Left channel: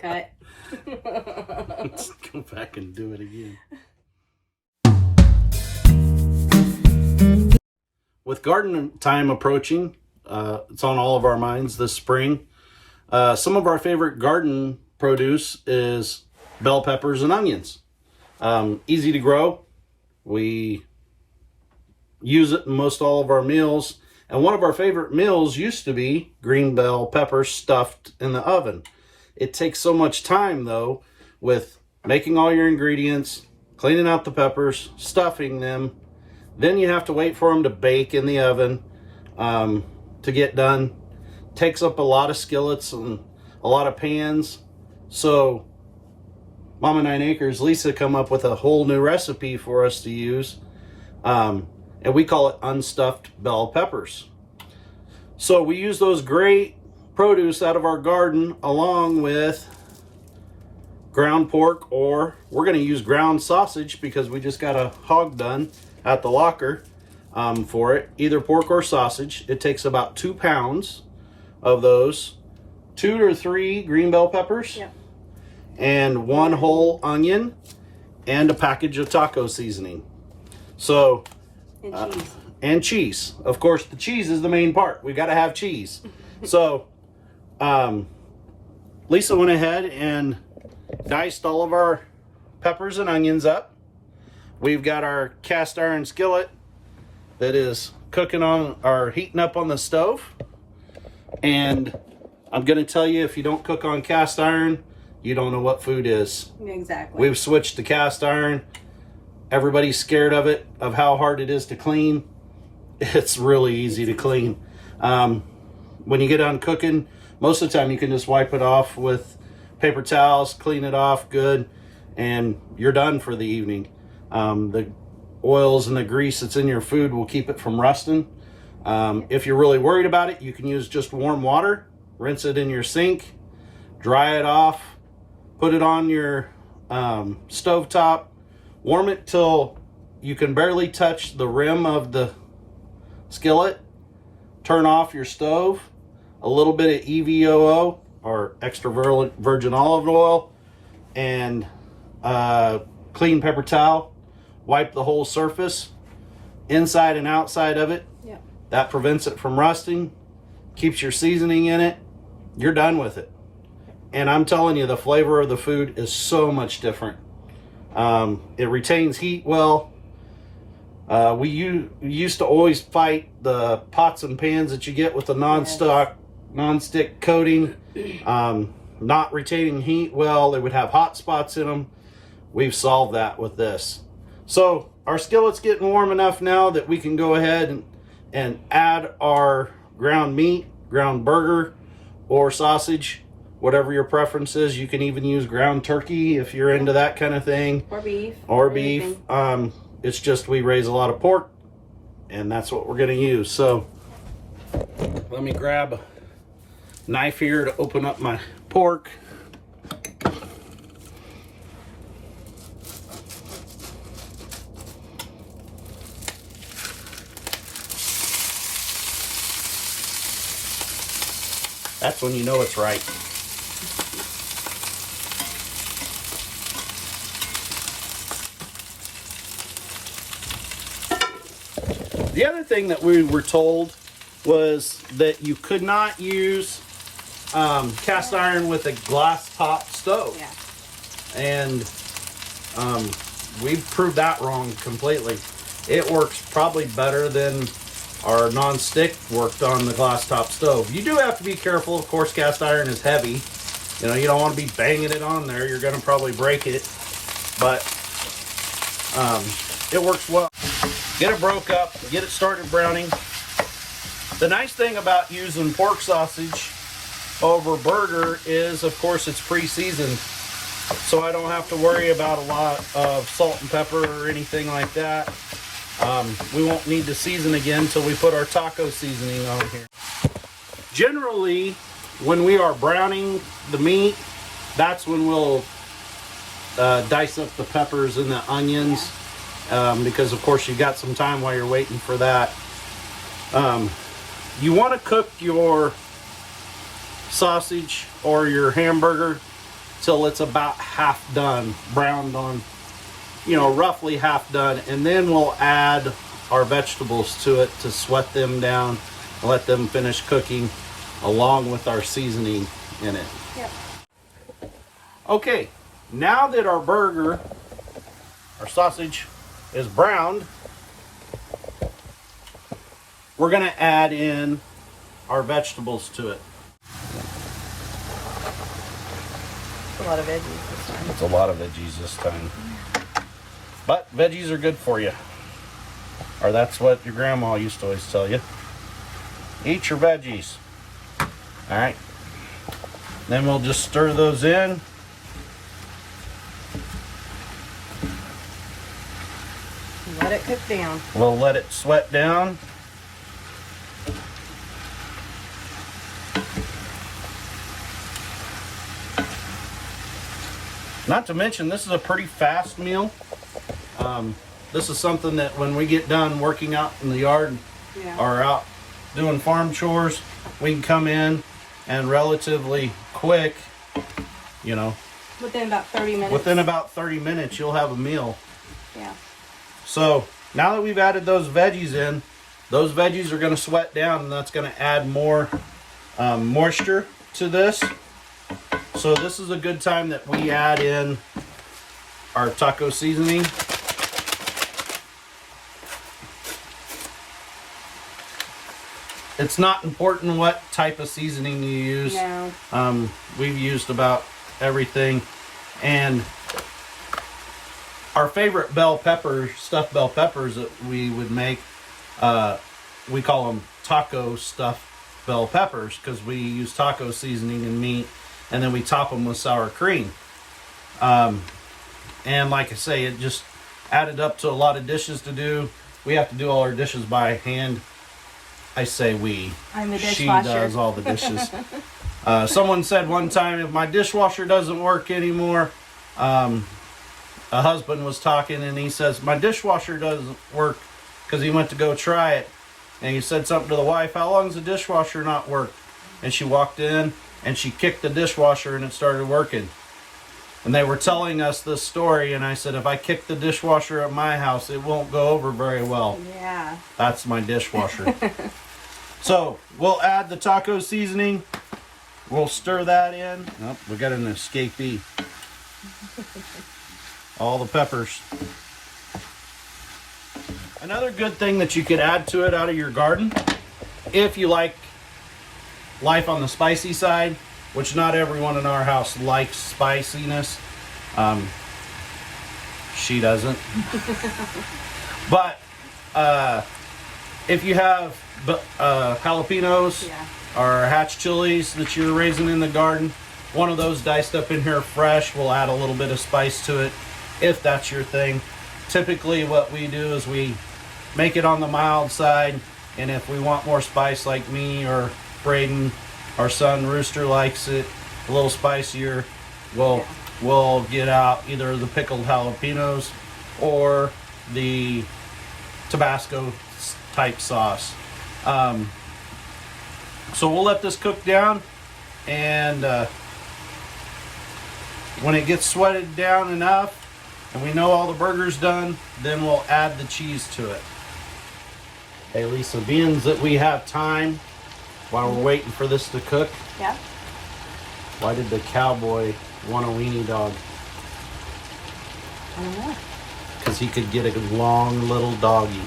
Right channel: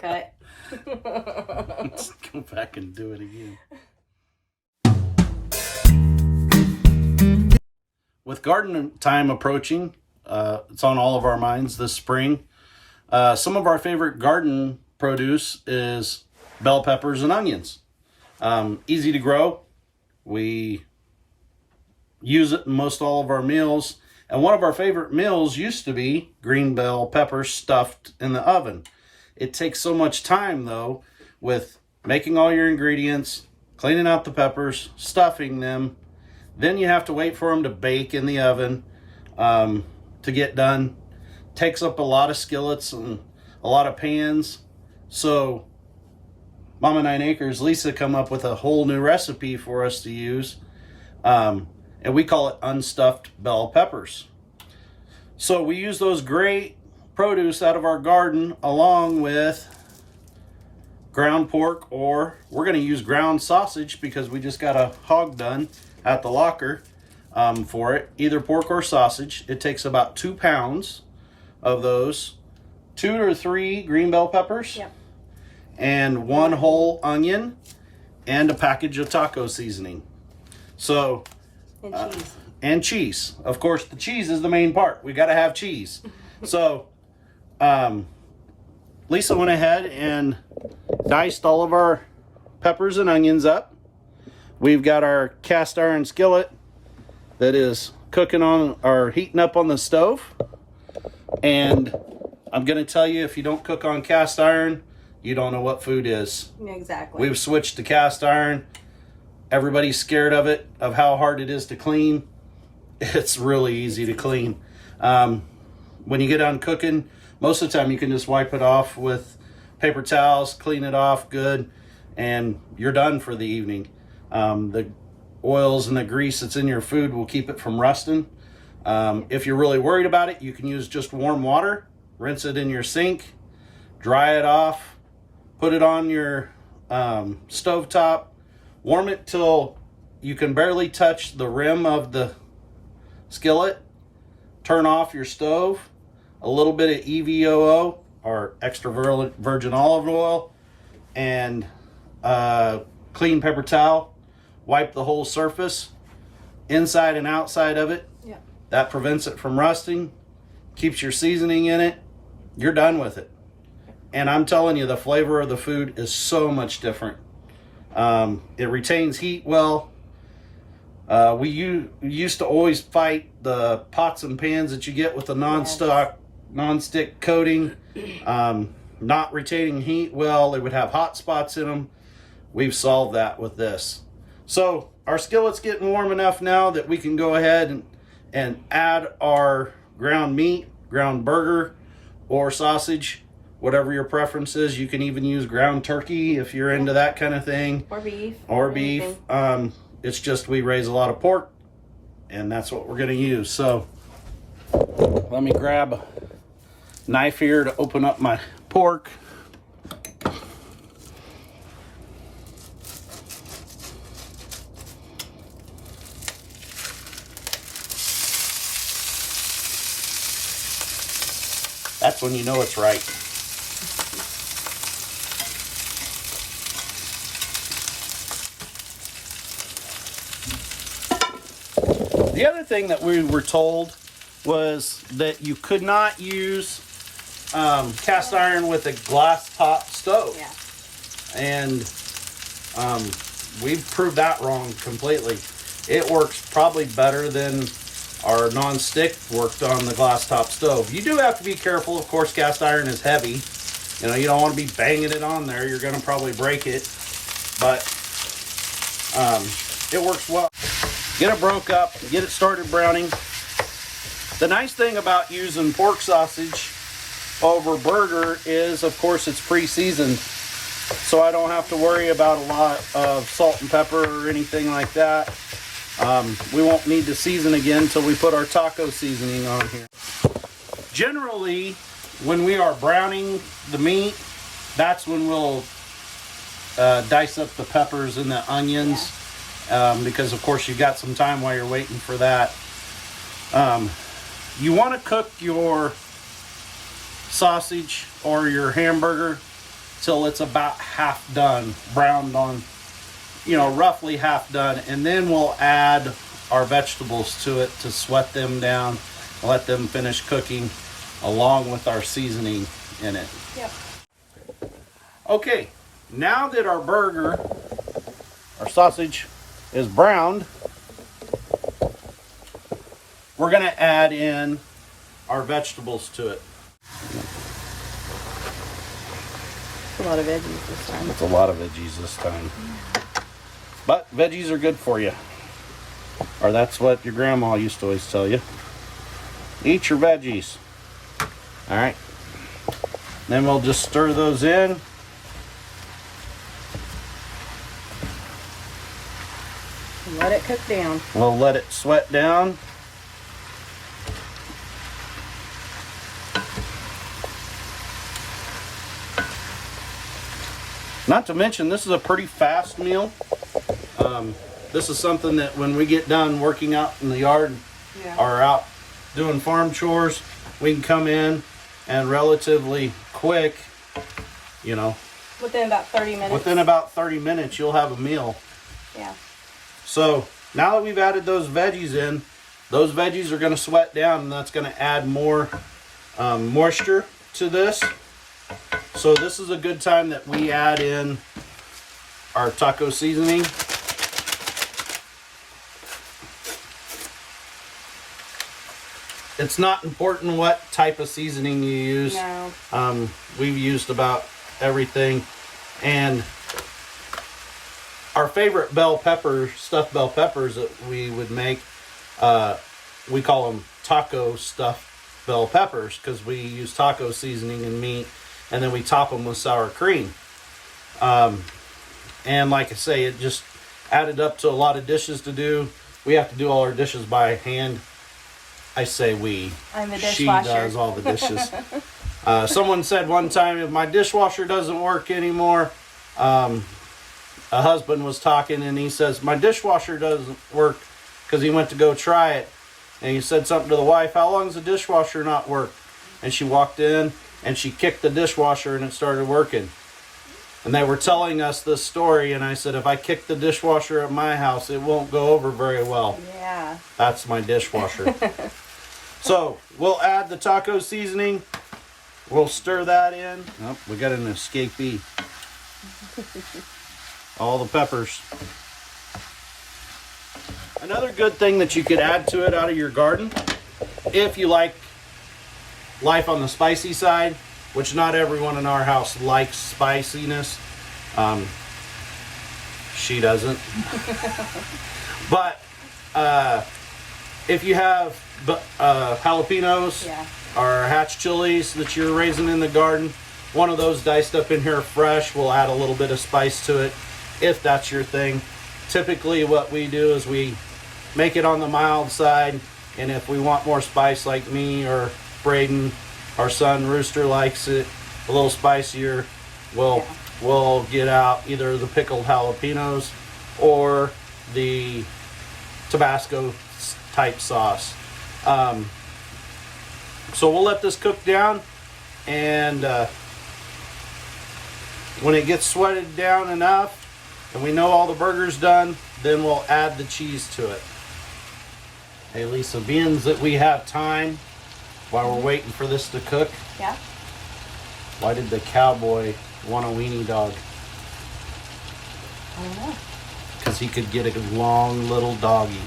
Cut. Let's go back and do it again. With garden time approaching, it's on all of our minds this spring. Some of our favorite garden produce is bell peppers and onions. Easy to grow. We use it in most all of our meals. And one of our favorite meals used to be green bell peppers stuffed in the oven. It takes so much time, though, with making all your ingredients, cleaning out the peppers, stuffing them. Then you have to wait for them to bake in the oven to get done. Takes up a lot of skillets and a lot of pans. So Mama 9 Acres, Lisa, come up with a whole new recipe for us to use. And we call it unstuffed bell peppers. So we use those great produce out of our garden along with ground pork, or we're going to use ground sausage because we just got a hog done at the locker for it. Either pork or sausage. It takes about 2 pounds of those, 2 or 3 green bell peppers, and 1 whole onion, and a package of taco seasoning. So and cheese. Of course, the cheese is the main part. We got to have cheese. So Lisa went ahead and diced all of our peppers and onions up. We've got our cast iron skillet that is cooking on or heating up on the stove. And I'm going to tell you, if you don't cook on cast iron, you don't know what food is. Exactly. We've switched to cast iron. Everybody's scared of it, of how hard it is to clean. It's really easy to clean. When you get done cooking, most of the time you can just wipe it off with paper towels, clean it off good, and you're done for the evening. The oils and the grease that's in your food will keep it from rusting. If you're really worried about it, you can use just warm water, rinse it in your sink, dry it off, put it on your stovetop, warm it till you can barely touch the rim of the skillet, turn off your stove, a little bit of EVOO or extra virgin olive oil, and clean paper towel, wipe the whole surface, inside and outside of it. That prevents it from rusting, keeps your seasoning in it. You're done with it. And I'm telling you, the flavor of the food is so much different. It retains heat well. We used to always fight the pots and pans that you get with the non-stick coating, not retaining heat well. They would have hot spots in them. We've solved that with this. So our skillet's getting warm enough now that we can go ahead and add our ground meat, ground burger, or sausage, whatever your preference is. You can even use ground turkey if you're into that kind of thing. Or beef. It's just we raise a lot of pork, and that's what we're going to use. So let me grab a knife here to open up my pork. That's when you know it's right. The other thing that we were told was that you could not use cast iron with a glass top stove. And we've proved that wrong completely. It works probably better than our non-stick worked on the glass top stove. You do have to be careful. Of course, cast iron is heavy. You know, you don't want to be banging it on there. You're going to probably break it. But it works well. Get it broke up, get it started browning. The nice thing about using pork sausage over burger is, of course, it's pre-seasoned. So I don't have to worry about a lot of salt and pepper or anything like that. We won't need to season again until we put our taco seasoning on here. Generally, when we are browning the meat, that's when we'll dice up the peppers and the onions, because of course you've got some time while you're waiting for that. You want to cook your sausage or your hamburger till it's about half done, browned on, you know, roughly half done, and then we'll add our vegetables to it to sweat them down and let them finish cooking along with our seasoning in it. Yep. Okay, now that our burger, our sausage is browned, we're gonna add in our vegetables to it. A lot of veggies this time. It's a lot of veggies this time. But veggies are good for you. Or that's what your grandma used to always tell you. Eat your veggies. All right. Then we'll just stir those in. Let it cook down. We'll let it sweat down. Not to mention, this is a pretty fast meal. This is something that when we get done working out in the yard or out doing farm chores, we can come in and relatively quick, you know. Within about 30 minutes. Within about 30 minutes, you'll have a meal. Yeah. So now that we've added those veggies in, those veggies are going to sweat down, and that's going to add more moisture to this. So this is a good time that we add in our taco seasoning. It's not important what type of seasoning you use. No. We've used about everything. And our favorite bell pepper, stuffed bell peppers that we would make, we call them taco stuffed bell peppers because we use taco seasoning and meat, and then we top them with sour cream. And like I say, it just added up to a lot of dishes to do. We have to do all our dishes by hand. I say we. I'm the She dishwasher. does all the dishes. Someone said one time, if my dishwasher doesn't work anymore, a husband was talking and he says, my dishwasher doesn't work because he went to go try it. And he said something to the wife, how long does the dishwasher not work? And she walked in and she kicked the dishwasher and it started working. And they were telling us this story, and I said, if I kick the dishwasher at my house, it won't go over very well. Yeah. That's my dishwasher. So we'll add the taco seasoning. We'll stir that in. Oh, we got an escapee. All the peppers. Another good thing that you could add to it out of your garden, if you like life on the spicy side, which not everyone in our house likes spiciness. She doesn't. But if you have jalapenos or hatch chilies that you're raising in the garden, one of those diced up in here fresh will add a little bit of spice to it, if that's your thing. Typically what we do is we make it on the mild side, and if we want more spice, like me or Braden, our son Rooster likes it a little spicier, we'll get out either the pickled jalapenos or the Tabasco type sauce. So we'll let this cook down, and when it gets sweated down enough and we know all the burger's done, then we'll add the cheese to it. Hey Lisa, being that we have time while we're waiting for this to cook, Yeah. why did the cowboy want a weenie dog? I don't know. Because he could get a long little doggy.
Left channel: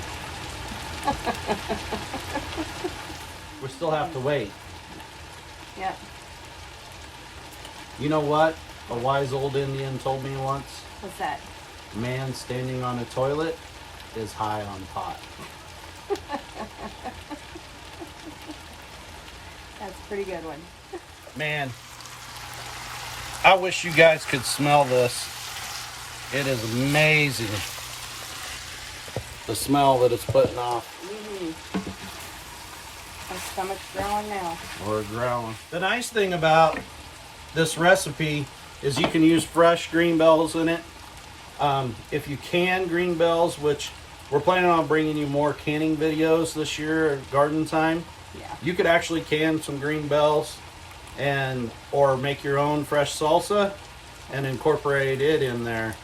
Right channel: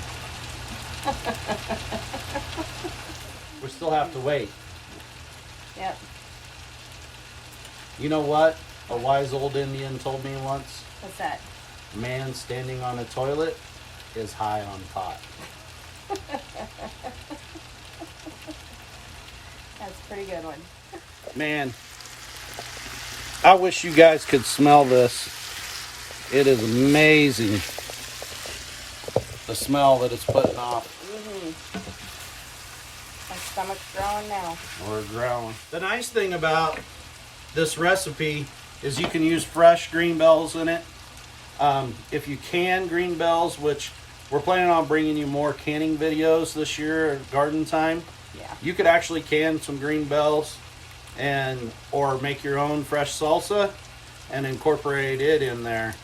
We still have to wait. Yeah. You know what a wise old Indian told me once? What's that? Man standing on a toilet is high on pot. That's a pretty good one. Man, I wish you guys could smell this. It is amazing, the smell that it's putting off. My stomach's growling now. Or growling. The nice thing about this recipe is you can use fresh green bells in it. If you can green bells, which we're planning on bringing you more canning videos this year at garden time. Yeah. You could actually can some green bells and or make your own fresh salsa and incorporate it in there.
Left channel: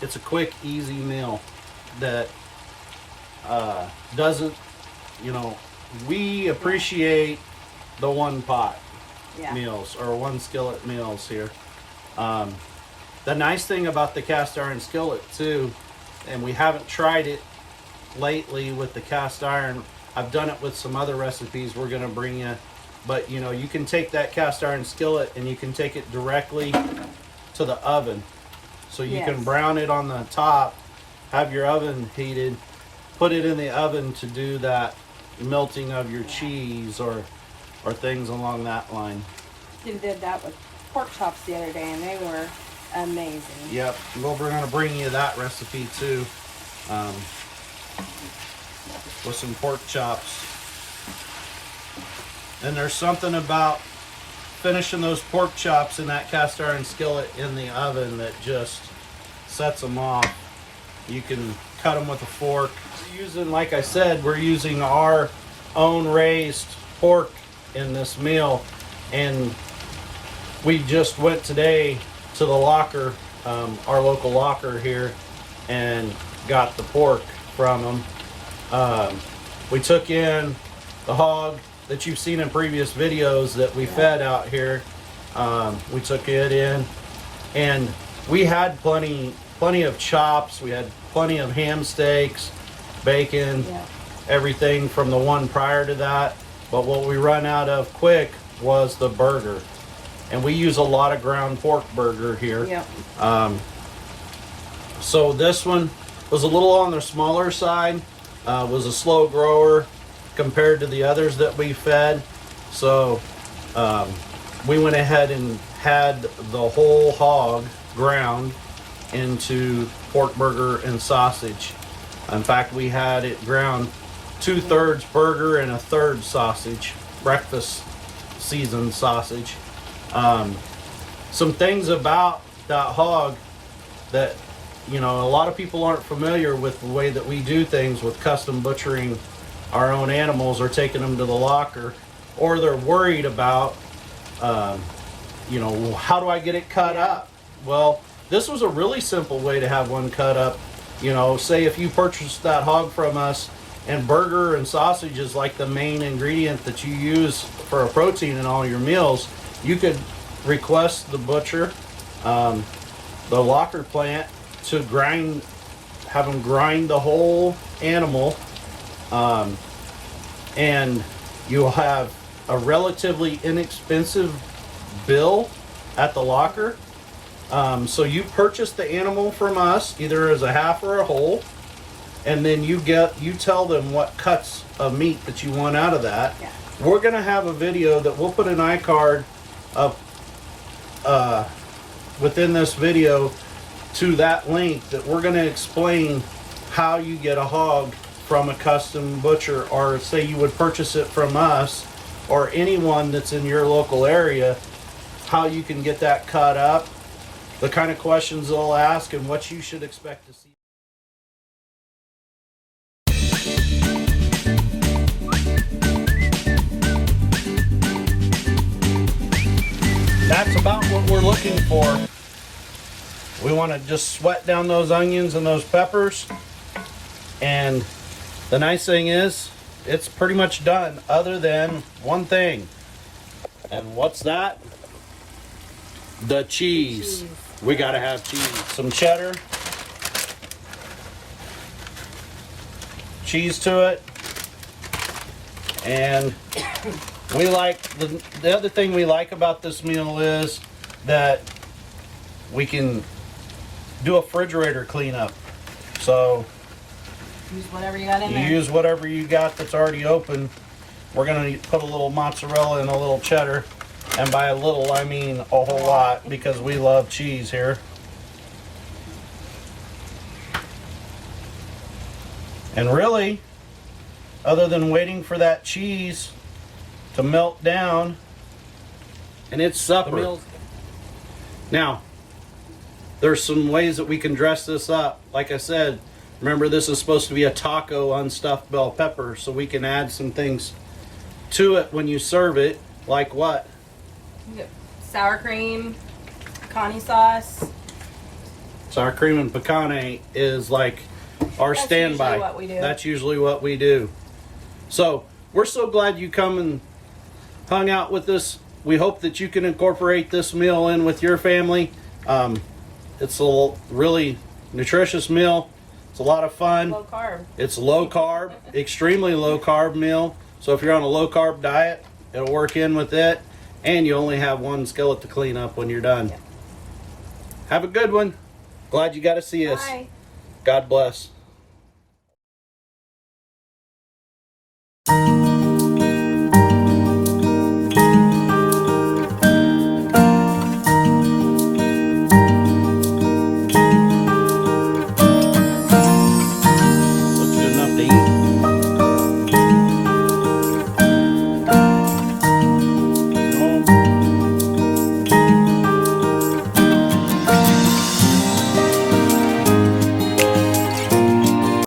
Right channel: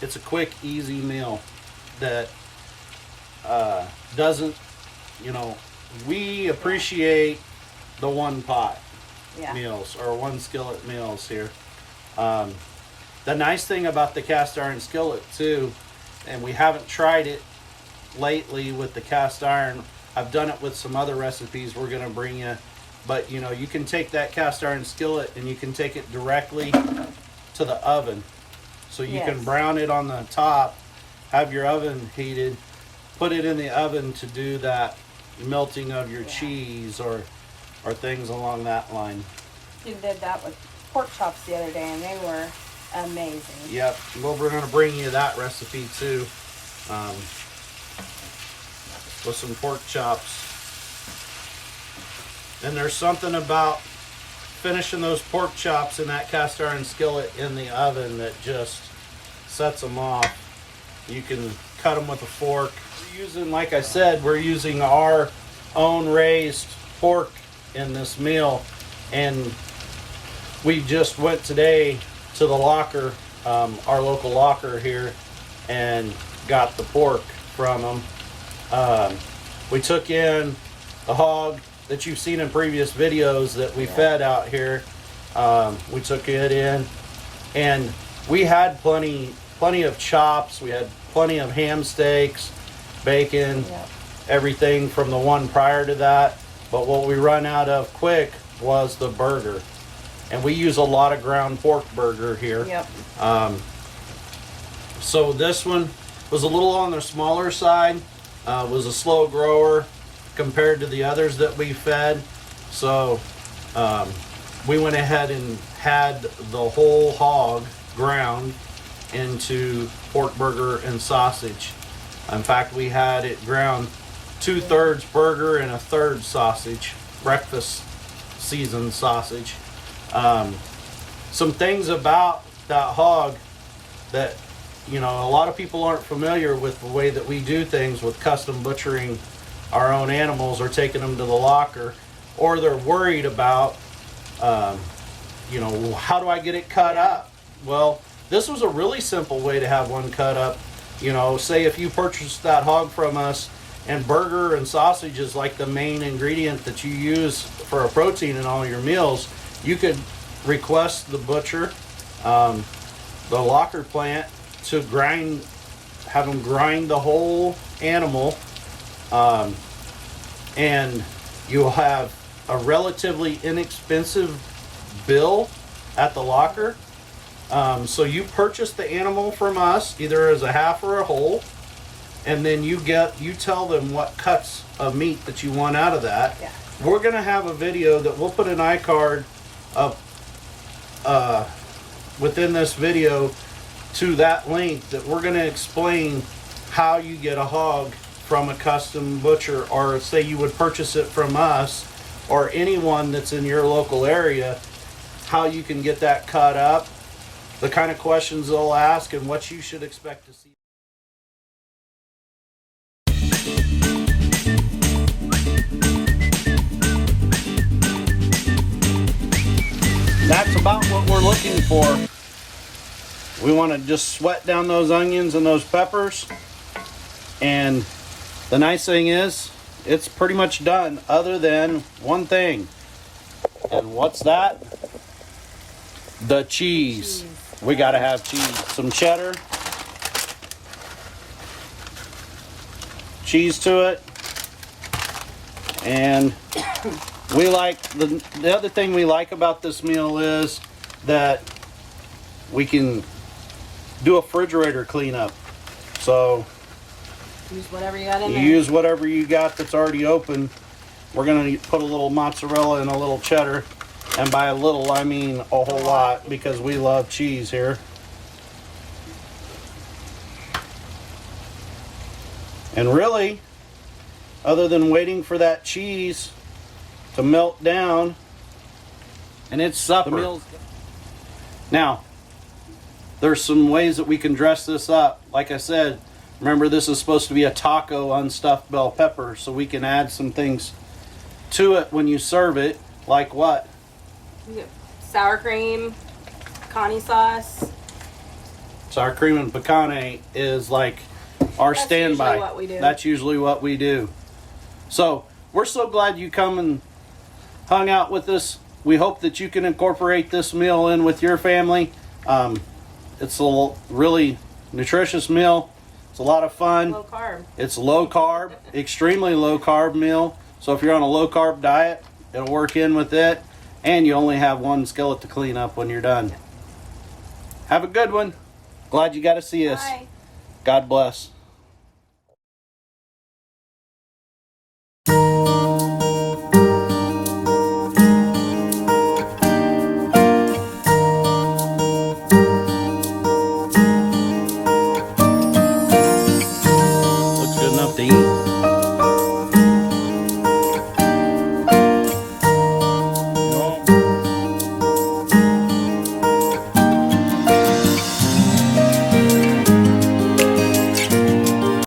It's a quick, easy meal that doesn't, you know, we appreciate the one pot meals or one skillet meals here. The nice thing about the cast iron skillet too, and we haven't tried it lately with the cast iron. I've done it with some other recipes we're going to bring you, but you know, you can take that cast iron skillet and you can take it directly to the oven, so you can brown it on the top, have your oven heated, put it in the oven to do that melting of your cheese or things along that line. We did that with pork chops the other day and they were amazing. Yep, well, we're going to bring you that recipe too, with some pork chops. And there's something about finishing those pork chops in that cast iron skillet in the oven that just sets them off. You can cut them with a fork. We're using, like I said, we're using our own raised pork in this meal, and we just went today to the locker, our local locker here, and got the pork from them. We took in the hog that you've seen in previous videos that we fed out here. We took it in, and we had plenty of chops. We had plenty of ham steaks, bacon, everything from the one prior to that. But what we run out of quick was the burger, and we use a lot of ground pork burger here. So this one was a little on the smaller side, was a slow grower compared to the others that we fed. So we went ahead and had the whole hog ground into pork burger and sausage. In fact, we had it ground 2/3 burger and 1/3 sausage, breakfast seasoned sausage. Some things about that hog that, you know, a lot of people aren't familiar with the way that we do things with custom butchering our own animals or taking them to the locker, or they're worried about, you know, how do I get it cut up? Well, this was a really simple way to have one cut up. You know, say if you purchased that hog from us and burger and sausage is like the main ingredient that you use for a protein in all your meals, you could request the butcher, the locker plant, to have them grind the whole animal, and you'll have a relatively inexpensive bill at the locker. So you purchase the animal from us either as a half or a whole, and then you tell them what cuts of meat that you want out of that. We're gonna have a video that we'll put an iCard up within this video to that link, that we're gonna explain how you get a hog from a custom butcher, or say you would purchase it from us or anyone that's in your local area, how you can get that cut up, the kind of questions they'll ask, and what you should expect to see. That's about what we're looking for. We want to just sweat down those onions and those peppers, and the nice thing is it's pretty much done, other than one thing. And what's that? The cheese. We gotta have cheese. Some cheddar, cheese to it, and we like the other thing we like about this meal is that we can do a refrigerator cleanup. So use whatever you got in there. Use whatever you got that's already open. We're gonna put a little mozzarella and a little cheddar, and by a little I mean a whole lot, because we love cheese here. And really, other than waiting for that cheese to melt down, and it's supper. Now, there's some ways that we can dress this up. Like I said, remember, this is supposed to be a taco unstuffed bell pepper, so we can add some things to it when you serve it. Like what? We got sour cream, pecani sauce. Sour cream and pecane is like our That's standby. usually what we do. That's usually what we do. So we're so glad you come and hung out with us. We hope that you can incorporate this meal in with your family. It's a really nutritious meal. It's a lot of fun. Low carb. It's low carb, extremely low carb meal. So if you're on a low carb diet, it'll work in with it. And you only have one skillet to clean up when you're done. Yep. Have a good one. Glad you got to see us. Bye. God bless.